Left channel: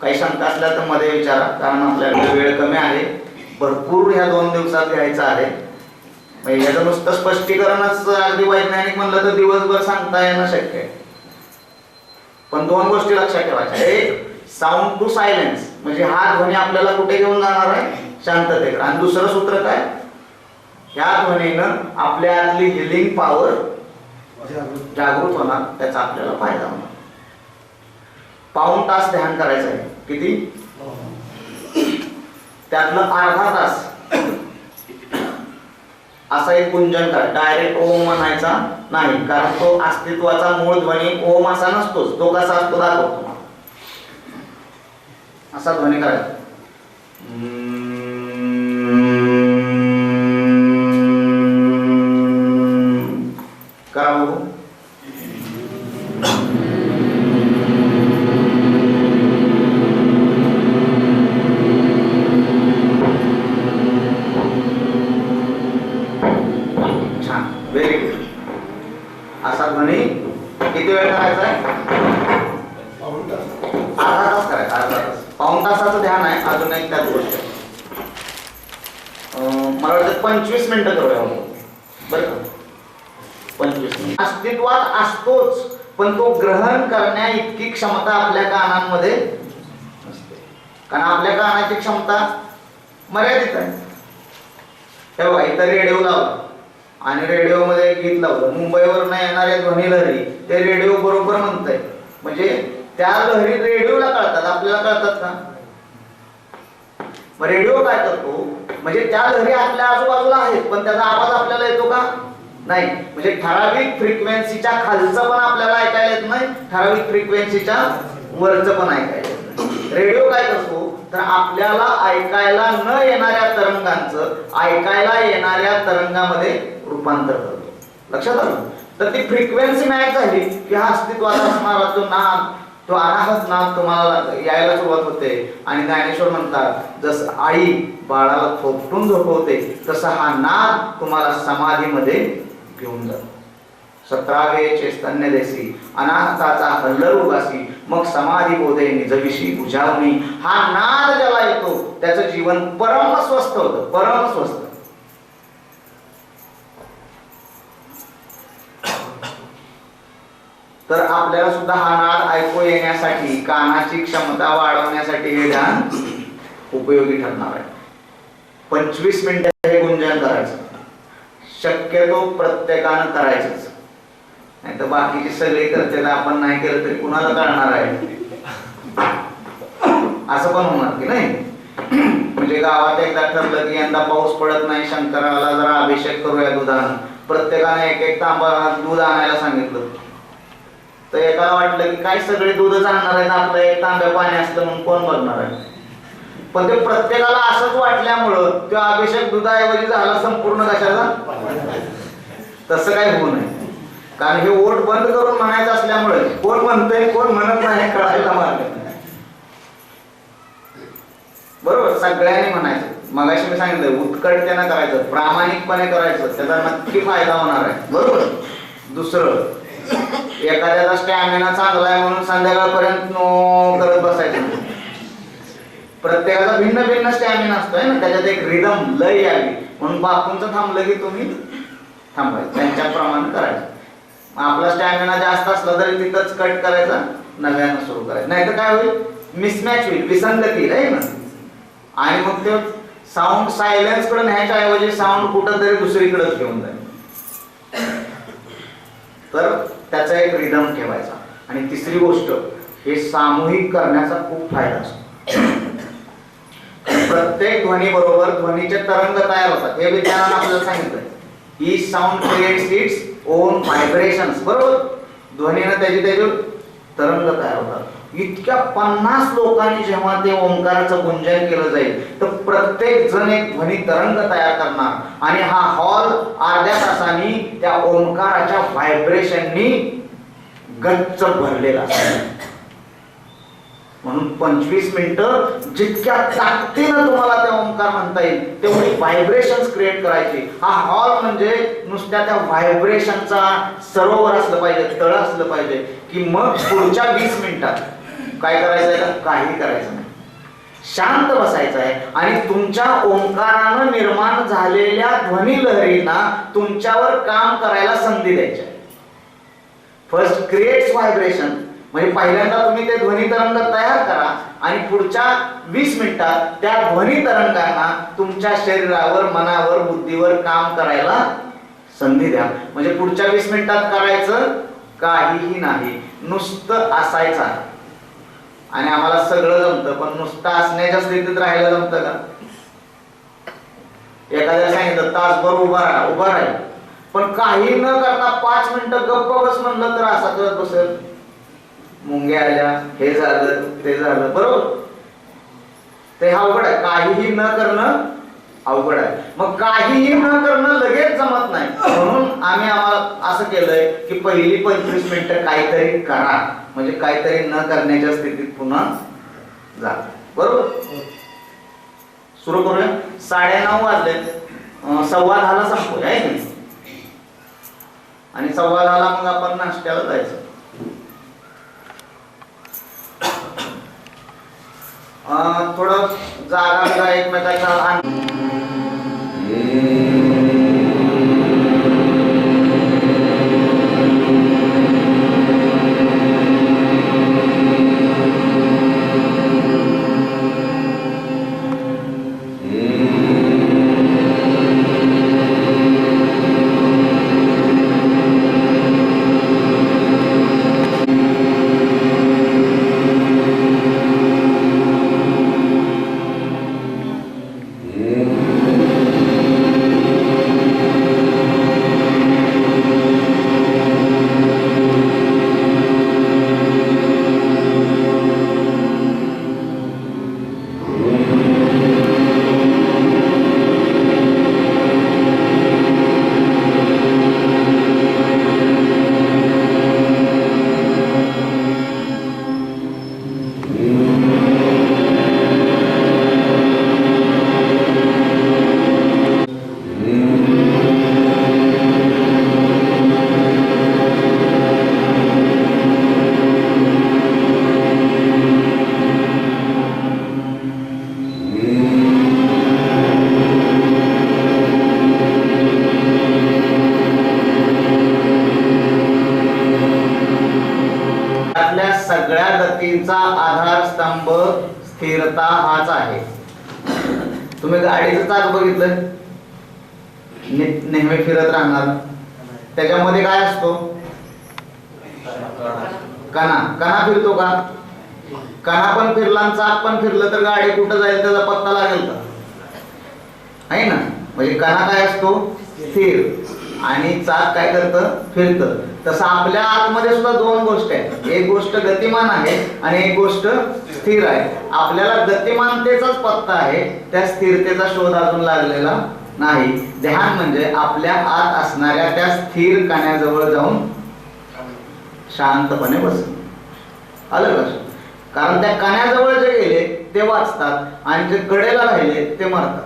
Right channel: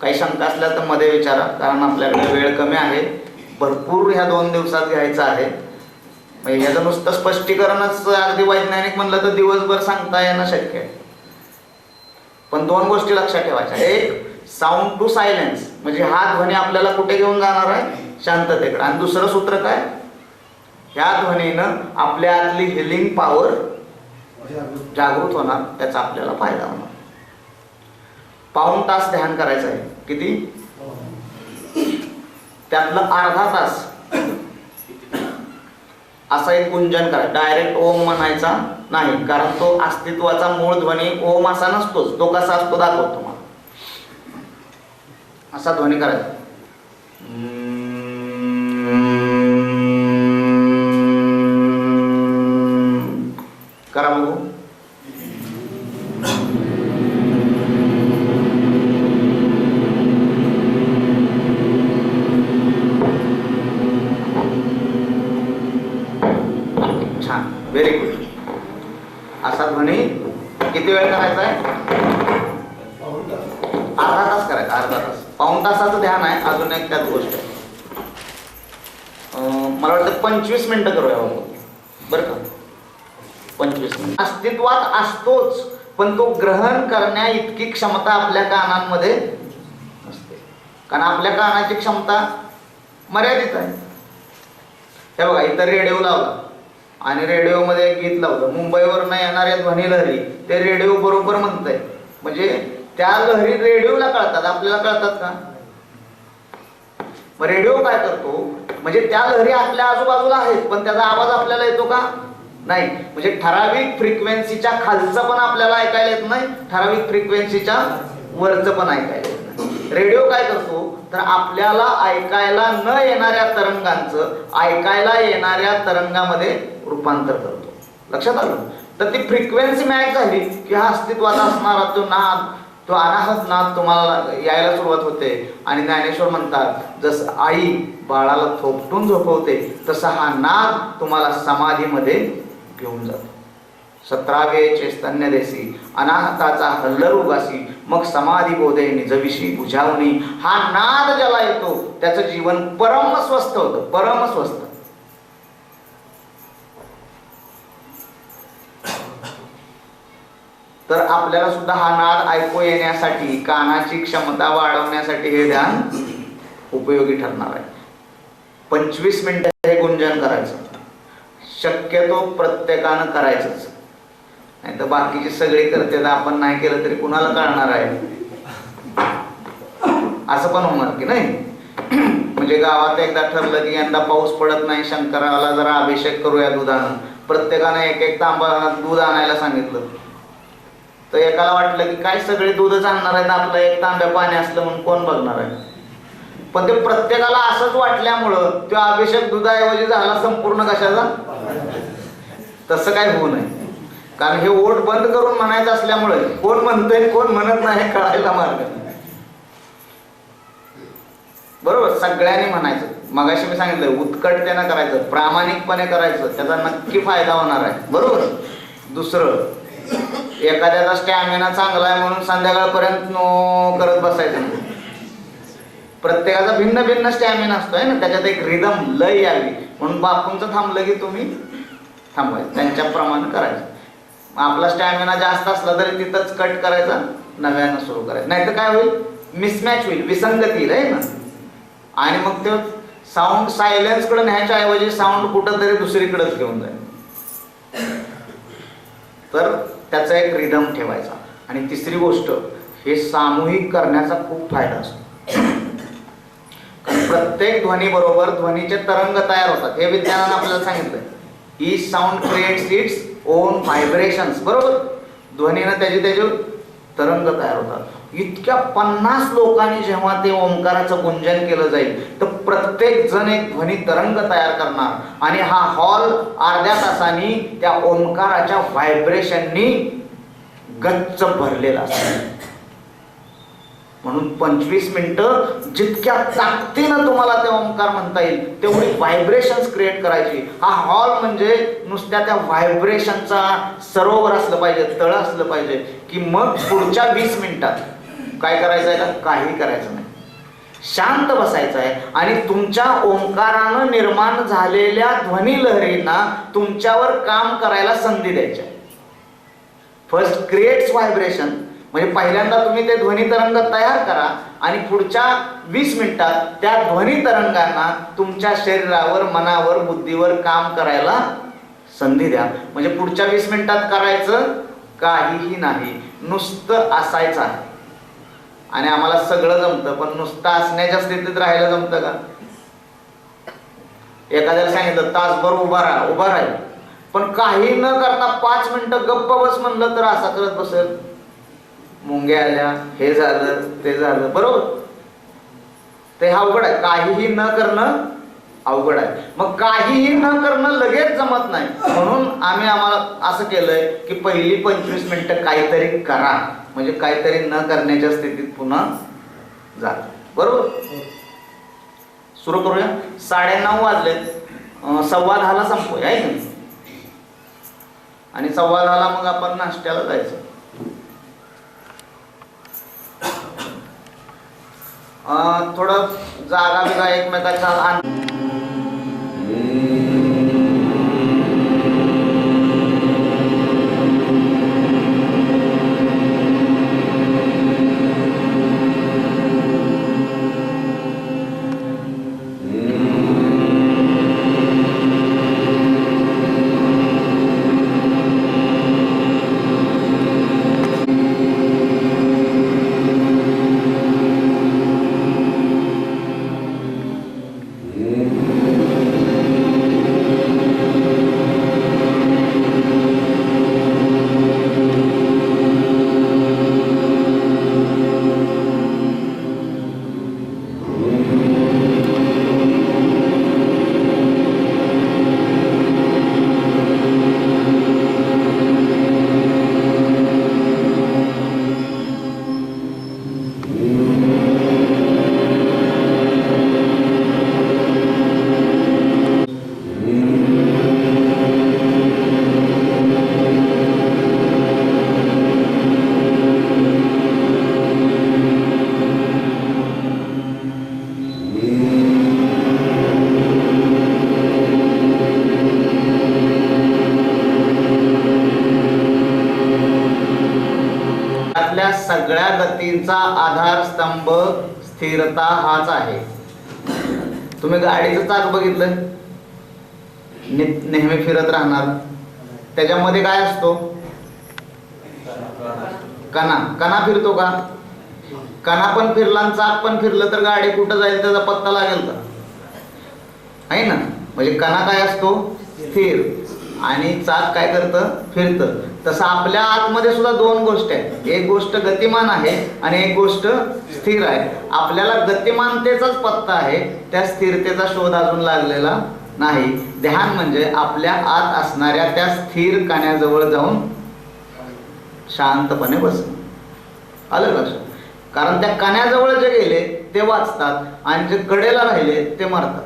काही शंका असल्या तर मध्ये विचारा, कारण आपल्याकडे वेळ कमी आहे, भरपूर ह्या 2 दिवसात घ्यायचं आहे. म्हणजे याचं नुसतं स्पष्टीकरणच अगदी वैज्ञानिक म्हणलं तर दिवसभर सांगता येणं शक्य आहे. पण 2 गोष्टी लक्षात ठेवायच्या. एक, साऊंड टू सायलेन्स, म्हणजे हा ध्वनी आपल्याला कुठे घेऊन जाणार आहे? शांततेकडे. आणि दुसरं सूत्र काय? ह्या ध्वनीनं आपल्या आतली हिलिंग पॉवर जागृत होणार, त्याचा आपल्याला फायदा होणार. पाऊण तास ध्यान करायचं आहे. किती? त्यातलं अर्धा तास असा एक गुंजन करा. डायरेक्ट ओम म्हणायचा नाही, कारण तो अस्तित्वाचा मूळ ध्वनी ओम असा नसतोच. तो कसा असतो दाखवतो तुम्हाला. असा ध्वनी करायचा. करा बघू. छान, व्हेरी गुड. असा ध्वनी किती वेळ करायचा आहे? अर्धा तास करायचा. अर्धा तास. पाऊण तासाचं ध्यान आहे. अजून एक त्यात गोष्ट आहे. मला वाटतं 25 मिनिटं करूया बरं का. 25 मिनिट. अस्तित्वात असतोच, पण तो ग्रहण करण्या इतकी क्षमता आपल्या कानांमध्ये नसते, कारण आपल्या कानाची क्षमता मर्यादित आहे. हे बघा, इथं रेडिओ लावला आणि रेडिओमध्ये एक गीत लावलं, मुंबईवरून येणाऱ्या ध्वनी लहरी ते रेडिओ बरोबर म्हणतंय. म्हणजे त्या लहरी रेडिओला कळतात, आपल्याला कळतात का? मग रेडिओ काय करतो? म्हणजे त्या लहरी आपल्या आजूबाजूला आहेत, पण त्याचा आवाज आपल्याला येतो का? नाही. म्हणजे ठराविक फ्रिक्वेन्सीच्या खालचं पण आपल्याला ऐकायला येत नाही, ठराविक फ्रिक्वेन्सीच्या वरचं पण ऐकायला येत नाही. रेडिओ काय करतो? तर आपल्याला ऐकायला न येणाऱ्या तरंगांचं ऐकायला येणाऱ्या तरंगामध्ये रूपांतर करतो. लक्षात आलं? तर ती फ्रिक्वेन्सी मॅच झाली की हा अस्तित्वात असणारा तो नाद, तो अनाहत नाद तुम्हाला यायला सुरुवात होते. आणि ज्ञानेश्वर म्हणतात, जसं आई बाळाला थोपटून झोपवते तसा हा नाद तुम्हाला समाधीमध्ये घेऊन जातो. 17वे चैतन्य देसी अनाहताचा हल्लर उगासी, मग समाधी बोधे निजविशी बुझावणी. हा नाद ज्याला येतो त्याचं जीवन परम स्वस्थ होतं. परम स्वस्थ. तर आपल्याला सुद्धा हा नाद ऐकू येण्यासाठी, कानाची क्षमता वाढवण्यासाठी हे ध्यान उपयोगी ठरणार आहे. 25 मिनिटं हे गुंजन करायचं. शक्यतो प्रत्येकानं करायचंच, नाही तर बाकीची सगळी करते तर आपण नाही केलं तरी कुणाला कळणार आहे? असं पण होणार की नाही. म्हणजे गावात एकदा ठरलं की यंदा पाऊस पडत नाही, शंकराला जरा अभिषेक करूया दुधानं. प्रत्येकानं एक एक तांबा दूध आणायला सांगितलं. तर एकाला वाटलं की काय सगळे दूधच आणणार आहेत, आपलं एक तांब्या पाणी असलं म्हणून कोण बघणार आहे. पण ते प्रत्येकाला असंच वाटल्यामुळं तो अभिषेक दुधाऐवजी झाला संपूर्ण कशाचा? तसं काय होऊ नये. कारण हे ओठ बंद करून म्हणायचं असल्यामुळे कोण म्हणतंय कोण म्हणत नाही कळायला मार्ग नाही. बरोबर, सगळ्यांनी म्हणायचं. मगाशी मी सांगितलं, उत्कटतेनं करायचं, प्रामाणिकपणे करायचं, त्याचा नक्की फायदा होणार आहे. बरोबर. दुसरं, एखाद्याचा स्टॅमिना चांगला आहे म्हणून संध्याकाळपर्यंत नो करत बसायचं. प्रत्येकाचा भिन्न भिन्न स्टॅमिना असतोय ना, त्याच्यात एक रिदम लय यावी म्हणून बापूंचं थांबलं की तुम्ही थांबायचं, त्यांच्याप्रमाणे करायचं. आपला स्टॅमिना जास्त असला तरी तिथंच कट करायचा, नव्यानं सुरू करायचं. नाही तर काय होईल? मिसमॅच होईल, विसंगती राहील ना. आणि मग ते साऊंड सायलेन्स कडे न्यायच्या ऐवजी साऊंड कुठं तरी दुसरीकडेच घेऊन जाईल. तर त्याचा एक रिदम ठेवायचा. आणि तिसरी गोष्ट, हे सामूहिक करण्याचा खूप फायदा असतो. प्रत्येक ध्वनी बरोबर ध्वनीचे तरंग तयार होतात. हे विज्ञानानं आपल्याला सांगितलं. Each sound creates its own vibrations. बरोबर. ध्वनीनं त्याचे तरंग तयार होतात. इतक्या 50 लोकांनी जेव्हा ते ओंकाराचं गुंजन केलं जाईल तर प्रत्येक जण एक ध्वनी तरंग तयार करणार आणि हा हॉल अर्ध्या तासांनी त्या ओंकाराच्या व्हायब्रेशननी गच्च भरलेला असेल. म्हणून 25 मिनिटं जितक्या ताकदीनं तुम्हाला ते ओंकार म्हणता येईल तेवढी व्हायब्रेशन्स क्रिएट करायची. हा हॉल म्हणजे नुसत्या त्या व्हायब्रेशनचा सरोवर असलं पाहिजे, तळ असलं पाहिजे की मग पुढच्या 20 मिनिटात काय करायचं आहे का, काही करायचं नाही, शांत बसायचं आहे आणि तुमच्या ओंकारानं निर्माण झालेल्या ध्वनी लहरींना तुमच्यावर काम करायला संधी द्यायची आहे. फर्स्ट क्रिएट्स व्हायब्रेशन, म्हणजे पहिल्यांदा तुम्ही ते ध्वनी तरंग तयार करा आणि पुढच्या 20 मिनिटात त्या ध्वनी तरंगांना तुमच्या शरीरावर, मनावर, बुद्धीवर काम करायला संधी द्या. म्हणजे पुढच्या 20 मिनिटात करायचं काहीही नाही, नुसतं असायचं आहे. आणि आम्हाला सगळं जमतं, पण नुसतं असण्याच्या स्थितीत राहायला जमतं का? एखाद्याला सांगितलं तासभर उभा राहील, पण काही न करता 5 मिनिटं गप्प बस म्हणलं तर असा करत बसेल. मुंग्या आल्या, हे झालं, ते झालं, बरोबर. ते अवघड आहे, काहीही न करणं अवघड आहे. मग काहीही न करणं लगेच जमत नाही, म्हणून आम्हाला असं केलंय की पहिली 25 मिनिटं काहीतरी करा, म्हणजे काहीतरी न करण्याच्या स्थितीत पुन्हा जा, बरोबर. सुरू करूया. 9:30 वाजलेत, 9:15 संपूया आहे की, आणि 9:15 मग आपण नाश्त्याला जायचं. थोडं जागा बिगा एकमेकाच्या सगळ्या गतींचा आधारस्तंभ स्थिरता हाच आहे. तुम्ही गाडीचं चाक बघितलं, नेहमी फिरत राहणार, त्याच्यामध्ये काय असतो? कणा फिरतो का? कणा पण फिरला आणि चाक पण फिरलं तर गाडी कुठं जाईल त्याचा पत्ता लागेल का? आहे ना. म्हणजे कणा काय असतो? स्थिर, आणि चाक काय करतं? फिरतं. तसं आपल्या आतमध्ये सुद्धा 2 गोष्टी आहेत, एक गोष्ट गतिमान आहे आणि एक गोष्ट स्थिर आहे. आपल्याला गतिमानतेचाच पत्ता आहे, त्या स्थिरतेचा शोध अजून लागलेला नाही. ध्यान म्हणजे आपल्या आत असणाऱ्या त्या स्थिर कण्याजवळ जाऊन शांतपणे बसणं. आलं लक्षात? कारण त्या कण्याजवळ जे गेले ते वाचतात आणि जे कडेला राहिले ते मरतात.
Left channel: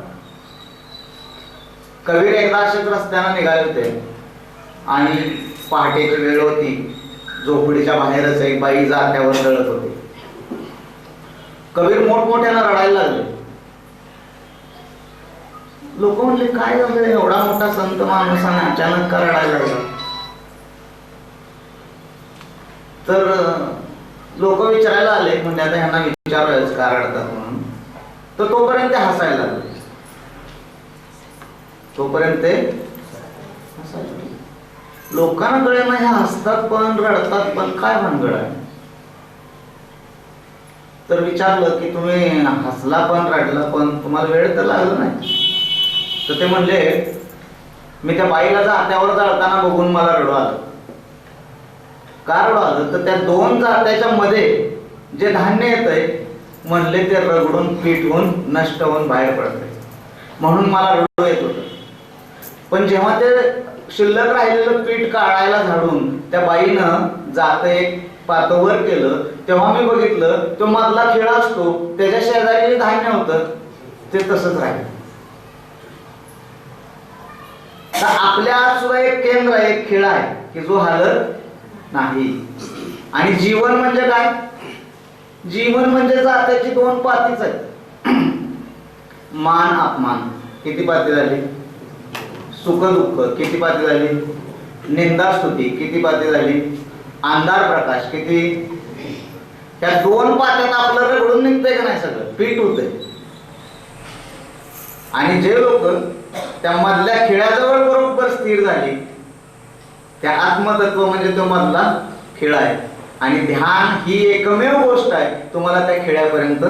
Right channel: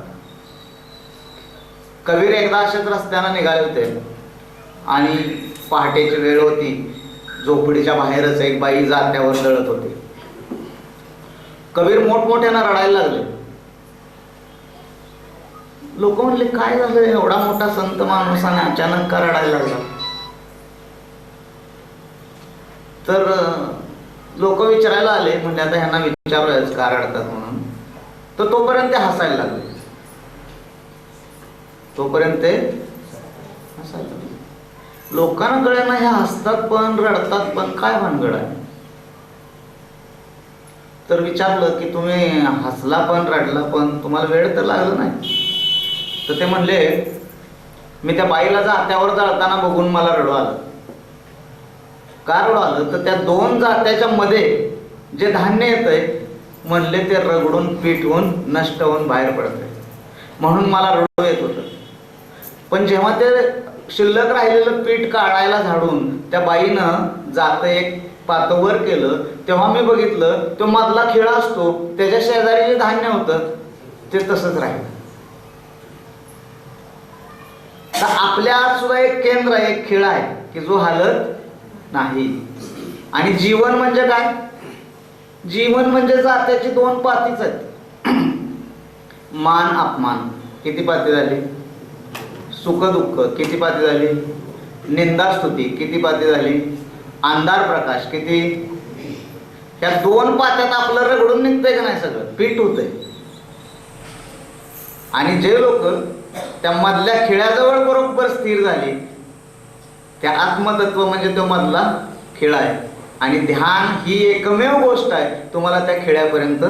कबीर एकदा असेच रस्त्यानं निघाले होते आणि पहाटेची वेळ होती, झोपडीच्या बाहेरच एक बाई जात्यावर दळत होती. कबीर मोठमोठ्यानं रडायला लागले. लोक म्हणले काय झालं, एवढा मोठा संत माणूसाने अचानक का रडायला लागला? तर लोक विचारायला आले, म्हणजे आता ह्यांना विचारूयाच का रडतात म्हणून. तर तोपर्यंत ते हसायला लागले, तोपर्यंत ते हसायला लागले. लोकांना कळेना हे हसतात पण रडतात पण, काय भानगड आहे? तर विचारलं की तुम्ही हसला पण रडला पण, तुम्हाला वेळ तर लागला नाही? तर ते म्हणले मी त्या बाईला जात्यावर जाळताना बघून मला रडू आलं. का रडू आलं? तर त्या 2 जात्याच्या मध्ये जे धान्य येतंय म्हणले ते रगडून पीठ होऊन नष्ट होऊन बाहेर पडतंय, म्हणून मला रडू येत होतं. पण जेव्हा ते शिल्लक राहिलेलं पीठ काढायला झाडून त्या बाईनं जात एक पातवर केलं तेव्हा मी बघितलं तो मधला खिळा असतो त्याच्या शेजारी जे धान्य होतं ते तसंच राहील. तर आपल्या आत सुद्धा एक केंद्र आहे, एक खिळा आहे की जो हालत नाही. आणि जीवन म्हणजे काय? जीवन म्हणजे जात्याची दोन पातीच आहेत. मान अपमान किती पाती झाली? सुख दुःख किती पाती झाली? निंदा स्तुती किती पाती झाली? अंधार प्रकाश किती? त्या दोन पात्यात आपलं रगडून निघतंय का नाही? सगळं पीठ होतंय. आणि जे लोक त्या मधल्या खिळ्याजवळ बरोबर स्थिर झाली, त्या आत्मतत्व म्हणजे तो मधला खिळा आहे. आणि ध्यान ही एकमेव गोष्ट आहे तुम्हाला त्या खिळ्यापर्यंत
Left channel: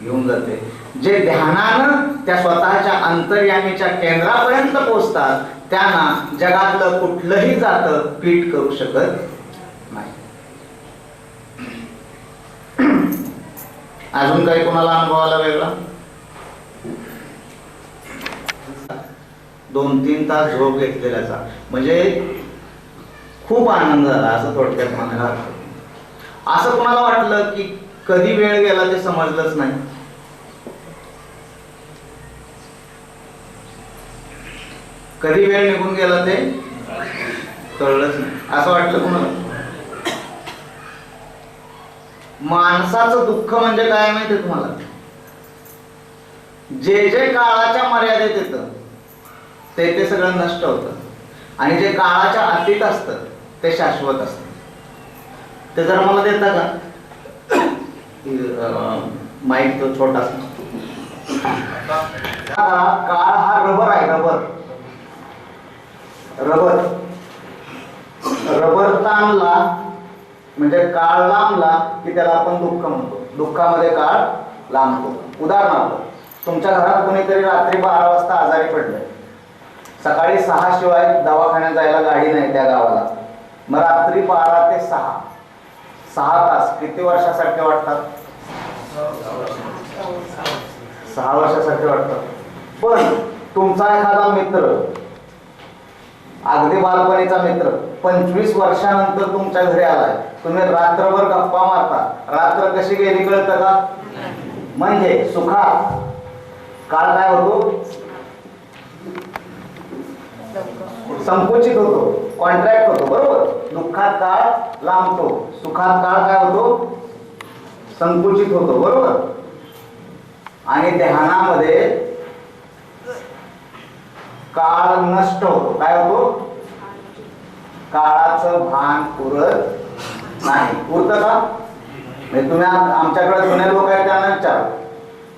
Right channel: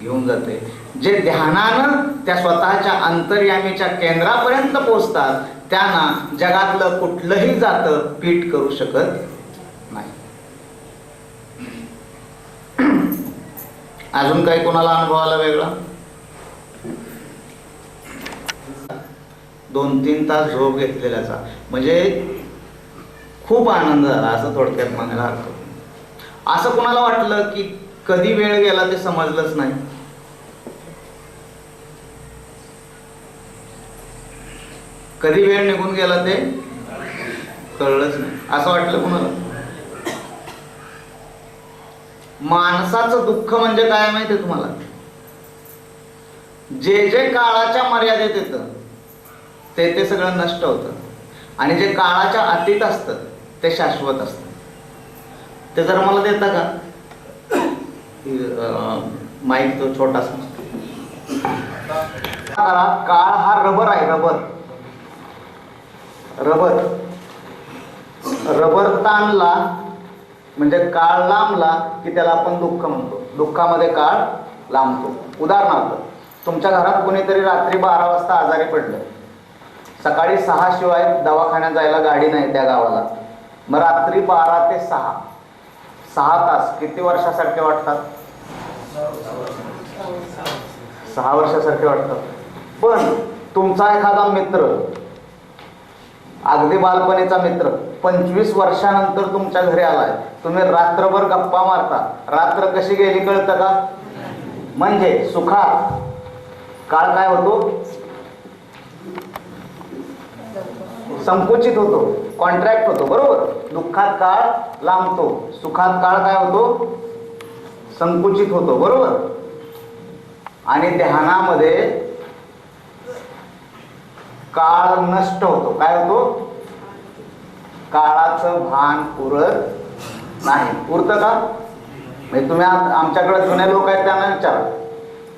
घेऊन जाते. जे ध्यानानं त्या स्वतःच्या अंतर्यामीच्या केंद्रापर्यंत पोहोचतात त्यांना जगातलं कुठलंही जातं पीठ करू शकत नाही. अजून काही कोणाला अनुभव आला वेगळा? 2-3 तास झोप घेतलेल्याचा म्हणजे खूप आनंद झाला असं थोडक्यात म्हणायला हरकत नाही. असं कोणाला वाटलं की कधी वेळ गेला ते समजलंच नाही? कधी वेळ निघून गेला ते कळलंच नाही असं वाटलं कोणाला? माणसाचं दुःख म्हणजे काय माहितीये तुम्हाला? जे जे काळाच्या मर्यादेत येतं ते सगळं नष्ट होतं आणि जे काळाच्या अतीत असतं ते शाश्वत असतं. ते जर मला देता का माईक? तो छोटासा काळ हा रबर आहे. रबर ताणला म्हणजे काळ लांबला की त्याला आपण दुःख म्हणतो. दुःखामध्ये काळ लांबतो. उदाहरणार्थ तुमच्या घरात कोणीतरी रात्री 12 वाजता आजारी पडलंय. सकाळी 6 शिवाय दवाखान्यात जायला गाडी नाही त्या गावाला. मग रात्री 12 ते 6 तास किती वर्षासारखे वाटतात? 6 वर्षासारखे वाटतात. पण तुमचा एखादा मित्र, अगदी बालपणीचा मित्र 25 वर्षानंतर तुमच्या घरी आलाय, तुम्ही रात्रभर गप्पा मारता, रात्र कशी गेली कळतं का? म्हणजे सुखात काळ काय होतो? संकुचित होतो, कॉन्ट्रॅक्ट होतो. बरोबर? दुःखात काळ लांबतो, सुखात काळ काय होतो? संकुचित होतो. बरोबर? आणि ध्यानामध्ये काळ नष्ट होतो. काय होतो? काळाचं भान उरत नाही. उरतं का? म्हणजे तुम्ही आमच्याकडे जुने लोक आहेत त्यांना विचारा,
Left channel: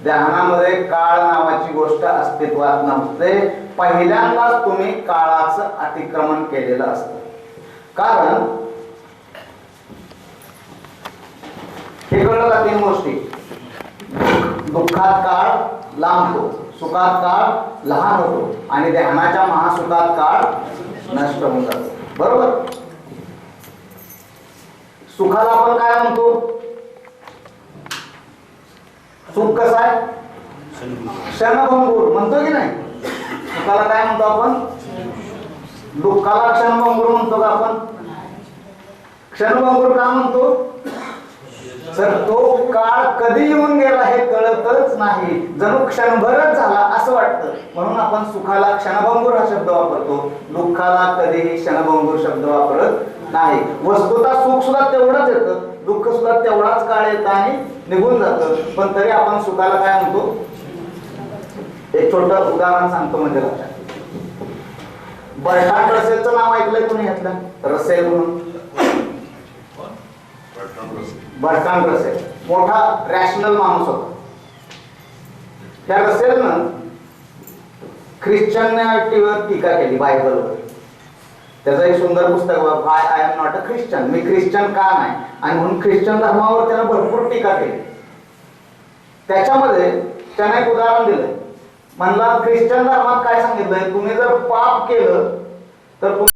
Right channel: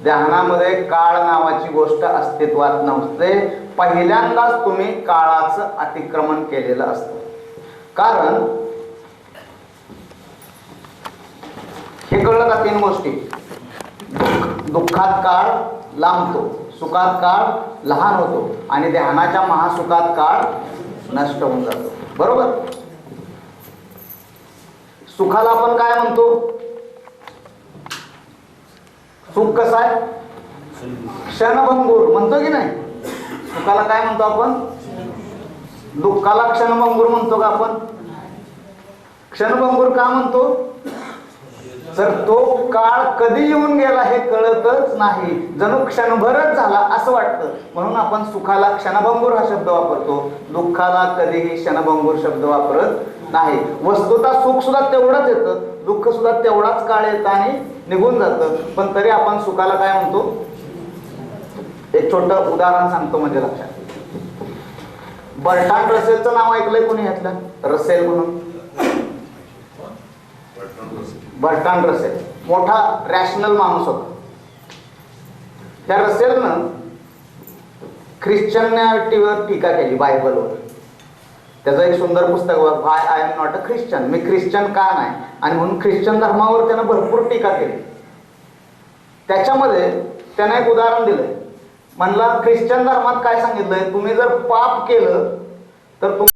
ध्यानामध्ये काळ नावाची गोष्ट अस्तित्वात नसते. पहिल्यांदाच तुम्ही काळाचं अतिक्रमण केलेलं असतं. कारण हे कळलं का? 3 गोष्टी. दुःखात काळ लांबतो, सुखात काळ लहान होतो आणि ध्यानाच्या महासुखात काळ नष्ट होऊन जातो. बरोबर? सुखाला आपण काय म्हणतो? सुख कसं आहे? क्षणभंगूर म्हणतो की नाही? सुखाला काय म्हणतो आपण? दुःखाला क्षणभंगूर म्हणतो का आपण? क्षणभंगूर का म्हणतो? तर तो काळ कधी येऊन गेला हे कळतच नाही, जणू क्षणभरच झाला असं वाटतं. म्हणून आपण सुखाला क्षणभंगूर हा शब्द वापरतो, दुःखाला कधीही क्षणभंगूर शब्द वापरत नाही. वस्तुतः सुख सुद्धा तेवढंच येतं, दुःख सुद्धा तेवढाच काळ येतं आणि निघून जातं. पण तरी आपण सुखाला काय म्हणतो? एक छोटं उदाहरण सांगतो म्हणजे लक्षात. बर्ट्रांड रसेलचं नाव ऐकलंय कोणी ह्यातलं? रसेल म्हणून. बर्ट्रांड रसेल मोठा रॅशनल माणूस होता. त्या रसेलनं ख्रिश्चनॅलिटीवर टीका केली, बायबलवर. त्याचं एक सुंदर पुस्तक, why I am not a Christian, मी ख्रिश्चन का नाही, आणि म्हणून ख्रिश्चन धर्मावर त्यानं भरपूर टीका केली. त्याच्यामध्ये त्यानं एक उदाहरण दिलंय. म्हणला ख्रिश्चन धर्मात काय सांगितलंय? तुम्ही जर पाप केलं तर